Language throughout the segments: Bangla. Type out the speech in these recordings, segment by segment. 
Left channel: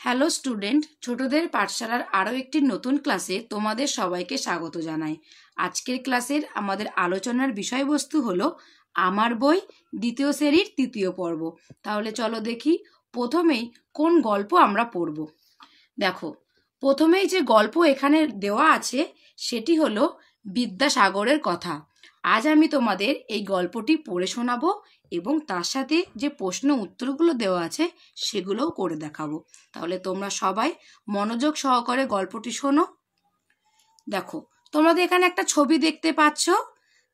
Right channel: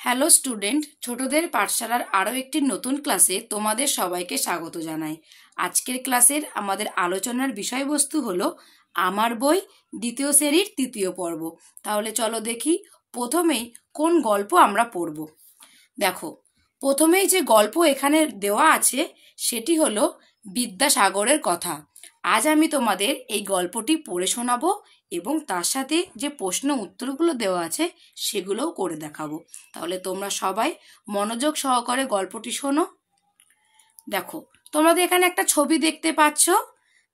হ্যালো স্টুডেন্ট, ছোটদের পাঠশালার আরও একটি নতুন ক্লাসে তোমাদের সবাইকে স্বাগত জানাই। আজকের ক্লাসের আমাদের আলোচনার বিষয়বস্তু হলো আমার বই দ্বিতীয় শ্রেণীর তৃতীয় পর্ব। তাহলে চলো দেখি প্রথমেই কোন গল্প আমরা পড়ব। দেখো, প্রথমেই যে গল্প এখানে দেওয়া আছে সেটি হলো বিদ্যাসাগরের কথা। আজ আমি তোমাদের এই গল্পটি পড়ে শোনাবো এবং তার সাথে যে প্রশ্ন উত্তরগুলো দেওয়া আছে সেগুলোও করে দেখাবো। তাহলে তোমরা সবাই মনোযোগ সহকারে গল্পটি শোনো। দেখো, তোমাদের এখানে একটা ছবি দেখতে পাচ্ছ।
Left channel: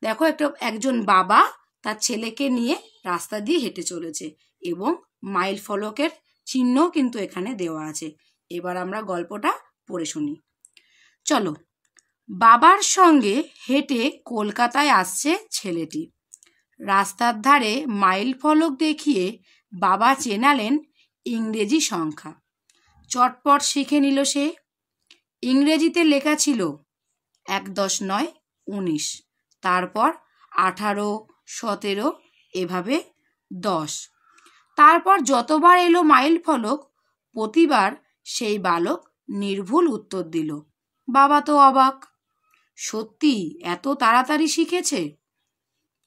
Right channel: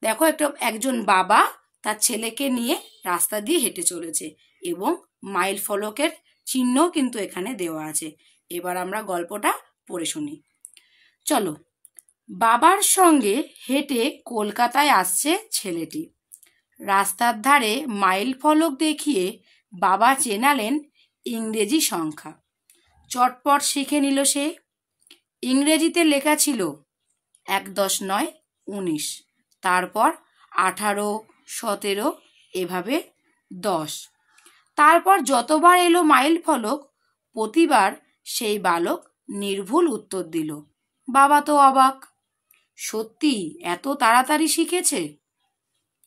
দেখো, একজন বাবা তার ছেলেকে নিয়ে রাস্তা দিয়ে হেঁটে চলেছে এবং মাইল ফলকের চিহ্ন কিন্তু এখানে দেওয়া আছে। এবার আমরা গল্পটা পড়ে শুনি। চলো। বাবার সঙ্গে হেঁটে কলকাতায় আসছে ছেলেটি। রাস্তার ধারে মাইল ফলক দেখিয়ে বাবা চেনালেন ইংরেজি সংখ্যা। চটপট শিখে নিল সে। ইংরেজিতে লেখা ছিল ১-৯-১৯, তারপর ১৮-১৭, এভাবে ১০। তারপর যতবার এলো মাইল ফলক প্রতিবার সেই বালক নির্ভুল উত্তর দিল। বাবা তো অবাক, সত্যি এত তাড়াতাড়ি শিখেছে?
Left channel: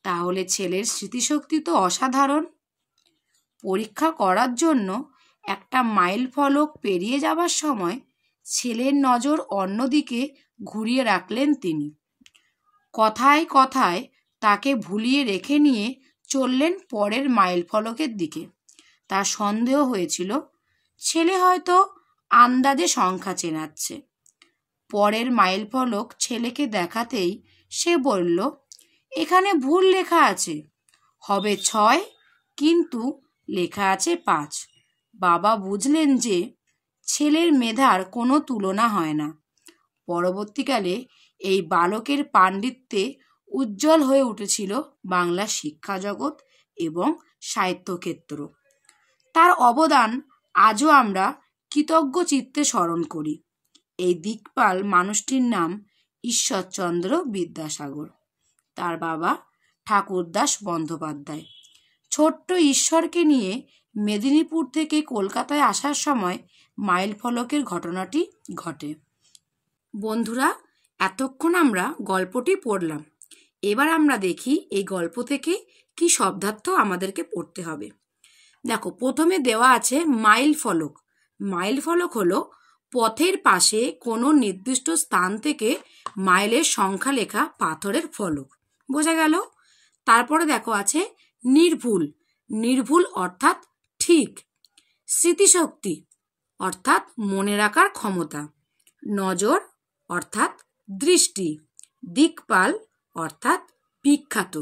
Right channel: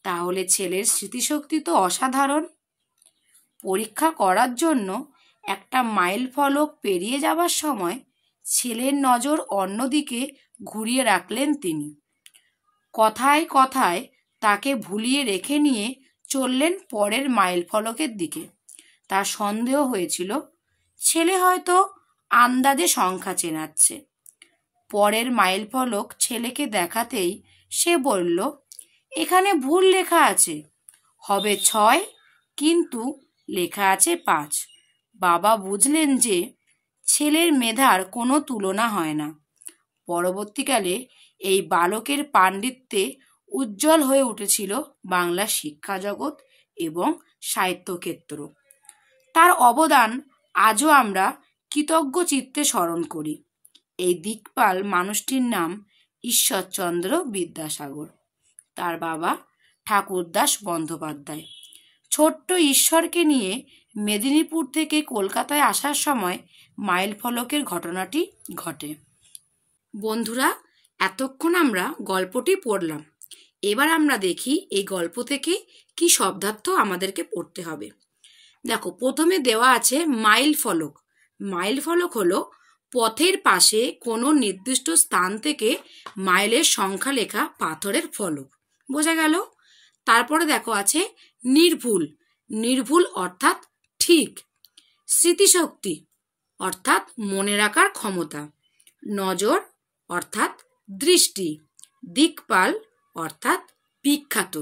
তাহলে ছেলের স্মৃতিশক্তি তো অসাধারণ। পরীক্ষা করার জন্য একটা মাইল ফলক পেরিয়ে যাবার সময় ছেলের নজর অন্যদিকে ঘুরিয়ে রাখলেন তিনি। কথায় কথায় তাকে ভুলিয়ে রেখে নিয়ে চললেন পরের মাইল ফলকের দিকে। তার সন্দেহ হয়েছিল ছেলে হয়তো আন্দাজে সংখ্যা চেনাচ্ছে। পরের মাইল ফলক ছেলেকে দেখাতেই সে বলল, এখানে ভুল লেখা আছে, হবে ৬, কিন্তু লেখা আছে ৫। বাবা বুঝলেন যে ছেলের মেধার কোনো তুলনা হয় না। পরবর্তীকালে এই বালকের পাণ্ডিত্যে উজ্জ্বল হয়ে উঠেছিল বাংলার শিক্ষা জগৎ এবং সাহিত্যক্ষেত্র। তার অবদান আজও আমরা কৃতজ্ঞ চিত্তে স্মরণ করি। এই দিকপাল মানুষটির নাম ঈশ্বরচন্দ্র বিদ্যাসাগর। তার বাবা ঠাকুরদাস বন্দ্যোপাধ্যায়। ছোট্ট ঈশ্বরকে নিয়ে মেদিনীপুর থেকে কলকাতায় আসার সময় মাইল ফলকের ঘটনাটি ঘটে। বন্ধুরা, এতক্ষণ আমরা গল্পটি পড়লাম। এবার আমরা দেখি এই গল্প থেকে কি শব্দার্থ আমাদেরকে পড়তে হবে। দেখো, প্রথমে দেওয়া আছে মাইল ফলক। মাইল ফলক হলো পথের পাশে কোনো নির্দিষ্ট স্থান থেকে মাইলের সংখ্যা লেখা পাথরের ফলক। বোঝা গেল? তারপরে দেখো আছে নির্ভুল। নির্ভুল অর্থাৎ ঠিক। স্মৃতিশক্তি অর্থাৎ মনে রাখার ক্ষমতা। নজর অর্থাৎ দৃষ্টি। দিকপাল অর্থাৎ বিখ্যাত।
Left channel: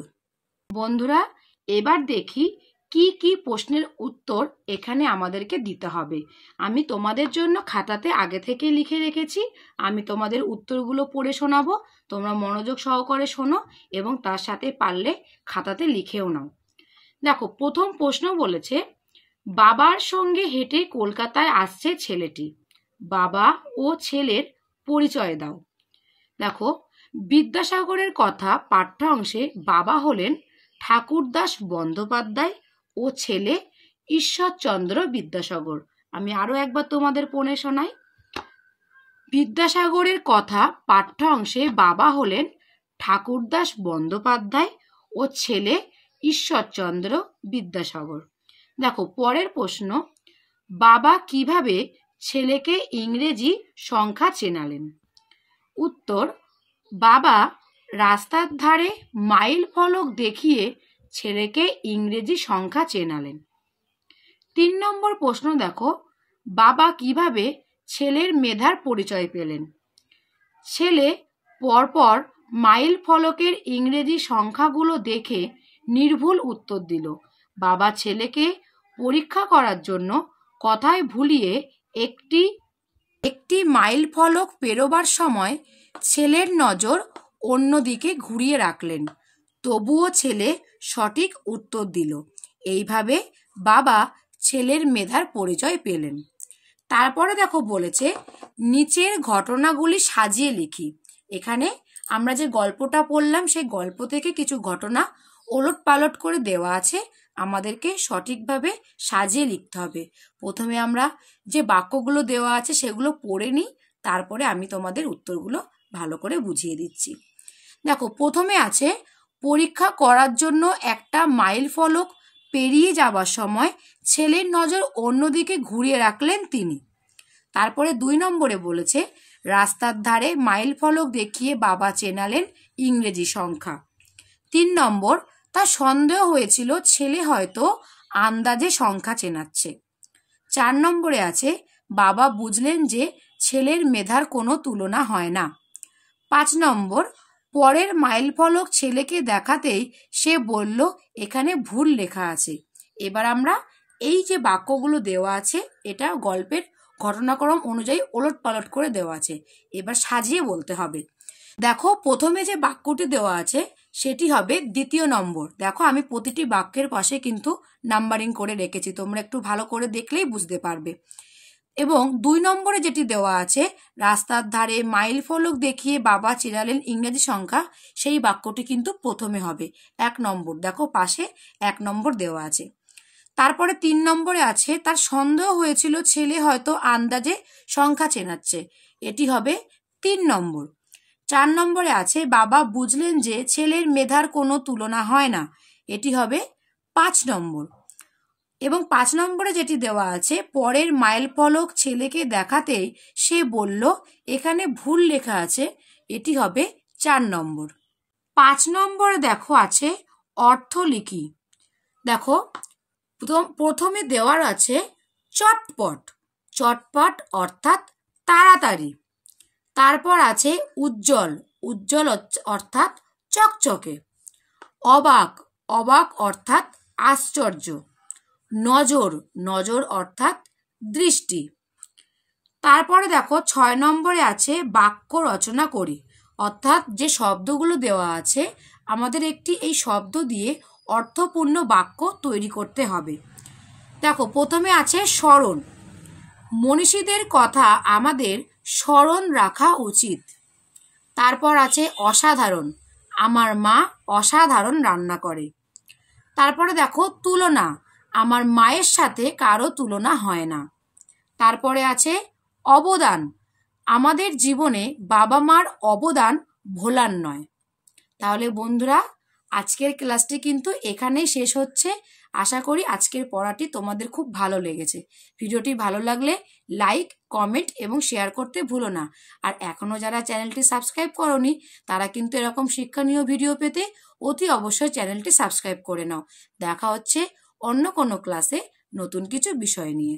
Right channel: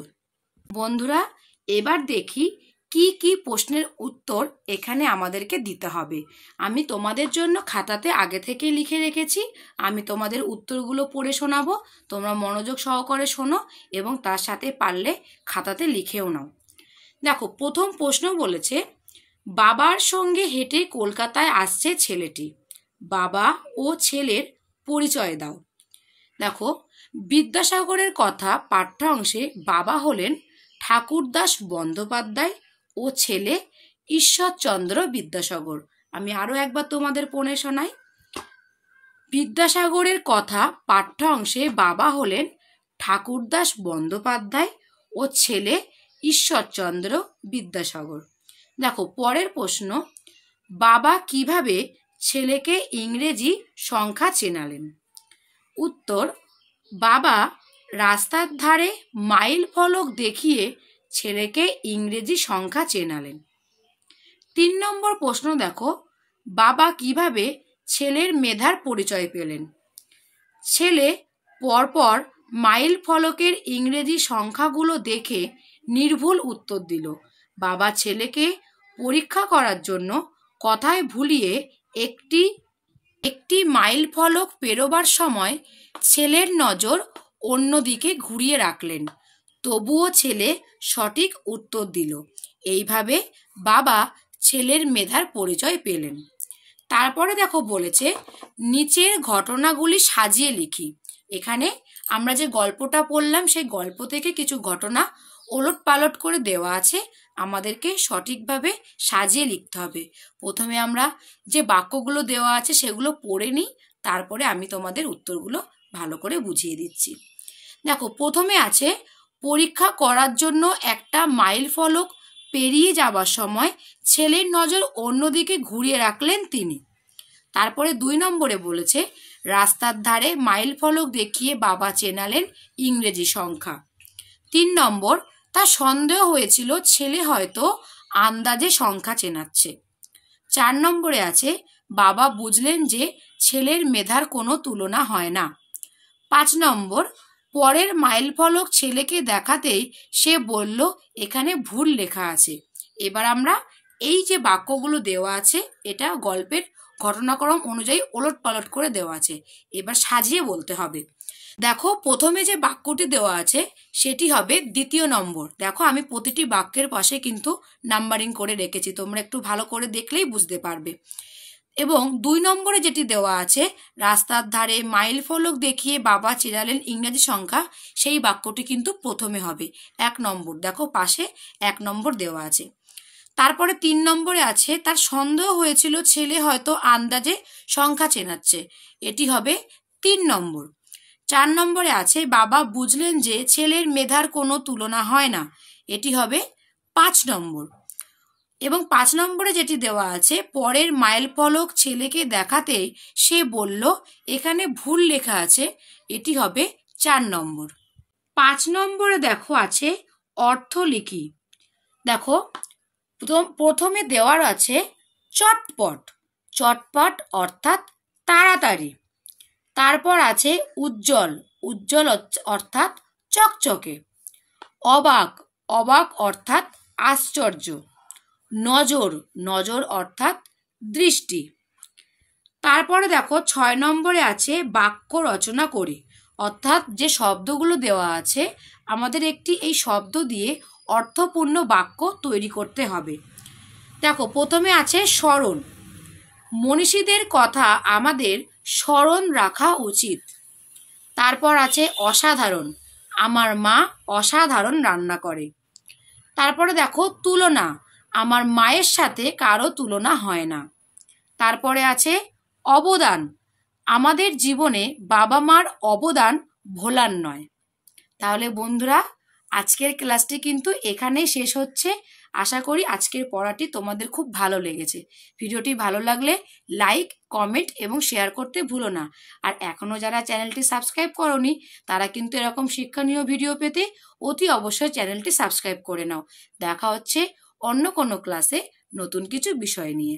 বন্ধুরা, এবার দেখি কি কি প্রশ্নের উত্তর এখানে আমাদেরকে দিতে হবে। আমি তোমাদের জন্য খাতাতে আগে থেকে লিখে রেখেছি। আমি তোমাদের উত্তরগুলো পড়ে শোনাবো। তোমরা মনোযোগ সহকারে শোনো এবং তার সাথে পারলে খাতাতে লিখেও নাও। দেখো, প্রথম প্রশ্ন বলেছে, বাবার সঙ্গে হেঁটে কলকাতায় আসছে ছেলেটি। বাবা ও ছেলের পরিচয় দাও। দেখো, বিদ্যাসাগরের কথা পাঠ্য অংশে বাবা হলেন ঠাকুরদাস বন্দ্যোপাধ্যায় ও ছেলে ঈশ্বরচন্দ্র বিদ্যাসাগর। আমি আরো একবার তোমাদের পড়ে শোনাই। বিদ্যাসাগরের কথা পাঠ্য অংশে বাবা হলেন ঠাকুরদাস বন্দ্যোপাধ্যায় ও ছেলে ঈশ্বরচন্দ্র বিদ্যাসাগর। দেখো, পরের প্রশ্ন, বাবা কিভাবে ছেলেকে ইংরেজি সংখ্যা চেনালেন? উত্তর, বাবা রাস্তার ধারে মাইল ফলক দেখিয়ে ছেলেকে ইংরেজি সংখ্যা চেনালেন। ৩ নম্বর প্রশ্ন দেখো, বাবা কিভাবে ছেলের মেধার পরিচয় পেলেন? ছেলে পরপর মাইল ফলকের ইংরেজি সংখ্যাগুলো দেখে নির্ভুল উত্তর দিল। বাবা ছেলেকে পরীক্ষা করার জন্য কথায় ভুলিয়ে একটি মাইল ফলক পেরোবার সময় ছেলের নজর অন্যদিকে ঘুরিয়ে রাখলেন। তবুও ছেলে সঠিক উত্তর দিল। এইভাবে বাবা ছেলের মেধার পরিচয় পেলেন। তারপরে দেখো বলেছে, নিচের ঘটনাগুলি সাজিয়ে লিখি। এখানে আমরা যে গল্পটা পড়লাম সেই গল্প থেকে কিছু ঘটনা ওলট পালট করে দেওয়া আছে। আমাদেরকে সঠিকভাবে সাজিয়ে লিখতে হবে। প্রথমে আমরা যে বাক্যগুলো দেওয়া আছে সেগুলো পড়ে নিই, তারপরে আমি তোমাদের উত্তরগুলো ভালো করে বুঝিয়ে দিচ্ছি। দেখো, প্রথমে আছে পরীক্ষা করার জন্য একটা মাইল ফলক পেরিয়ে যাওয়ার সময় ছেলের নজর অন্যদিকে ঘুরিয়ে রাখলেন তিনি। তারপরে 2 নম্বরে বলেছে রাস্তার ধারে মাইল ফলক দেখিয়ে বাবা চেনালেন ইংরেজি সংখ্যা। 3 নম্বর, তার সন্দেহ হয়েছিল ছেলে হয়তো আন্দাজে সংখ্যা চেনাচ্ছে। 4 নম্বরে আছে বাবা বুঝলেন যে ছেলের মেধার কোনো তুলনা হয় না। 5 নম্বর, পরের মাইল ফলক ছেলেকে দেখাতেই সে বলল এখানে ভুল লেখা আছে। এবার আমরা এই যে বাক্যগুলো দেওয়া আছে এটা গল্পের ঘটনাক্রম অনুযায়ী ওলটপালট করে দেওয়া আছে, এবার সাজিয়ে বলতে হবে। দেখো, প্রথমে যে বাক্যটি দেওয়া আছে সেটি হবে 2 নম্বর। দেখো, আমি প্রতিটি বাক্যের পাশে কিন্তু নাম্বারিং করে রেখেছি, তোমরা একটু ভালো করে দেখলেই বুঝতে পারবে। এবং 2 নম্বরে যেটি দেওয়া আছে রাস্তার ধারে মাইল ফলক দেখিয়ে বাবা চেনালেন ইংরেজি সংখ্যা, সেই বাক্যটি কিন্তু প্রথমে হবে 1 নম্বর। দেখো, পাশে 1 নম্বর দেওয়া আছে। তারপরে 3 নম্বরে আছে তার সন্দেহ হয়েছিল ছেলে হয়তো আন্দাজে সংখ্যা চেনাচ্ছে, এটি হবে 3 নম্বর। 4 নম্বরে আছে বাবা বুঝলেন যে ছেলের মেধার কোনো তুলনা হয় না, এটি হবে 5 নম্বর। এবং 5 নম্বরে যেটি দেওয়া আছে পরের মাইল ফলক ছেলেকে দেখাতেই সে বলল এখানে ভুল লেখা আছে, এটি হবে 4 নম্বর। 5 নম্বরে দেখো আছে অর্থ লিখি। দেখো, প্রথমে দেওয়ার আছে চটপট। চটপট অর্থাৎ তাড়াতাড়ি। তারপর আছে উজ্জ্বল। উজ্জ্বল অর্থাৎ চকচকে। অবাক। অবাক অর্থাৎ আশ্চর্য। নজর। নজর অর্থাৎ দৃষ্টি। তারপরে দেখো 6 নম্বরে আছে বাক্য রচনা করি, অর্থাৎ যে শব্দগুলো দেওয়া আছে আমাদের একটি এই শব্দ দিয়ে অর্থপূর্ণ বাক্য তৈরি করতে হবে। দেখো, প্রথমে আছে স্মরণ। মনীষীদের কথা আমাদের স্মরণ রাখা উচিত। তারপর আছে অসাধারণ। আমার মা অসাধারণ রান্না করে। তারপরে দেখো তুলনা। আমার মায়ের সাথে কারো তুলনা হয় না। তারপরে আছে অবদান। আমাদের জীবনে বাবা মার অবদান ভোলার নয়। তাহলে বন্ধুরা, আজকের ক্লাসটি কিন্তু এখানেই শেষ হচ্ছে। আশা করি আজকের পড়াটি তোমাদের খুব ভালো লেগেছে। ভিডিওটি ভালো লাগলে লাইক, কমেন্ট এবং শেয়ার করতে ভুলো না। আর এখনো যারা চ্যানেলটি সাবস্ক্রাইব করোনি তারা কিন্তু এরকম শিক্ষণীয় ভিডিও পেতে অতি অবশ্যই চ্যানেলটি সাবস্ক্রাইব করে নাও। দেখা হচ্ছে অন্য কোনো ক্লাসে নতুন কিছু বিষয় নিয়ে।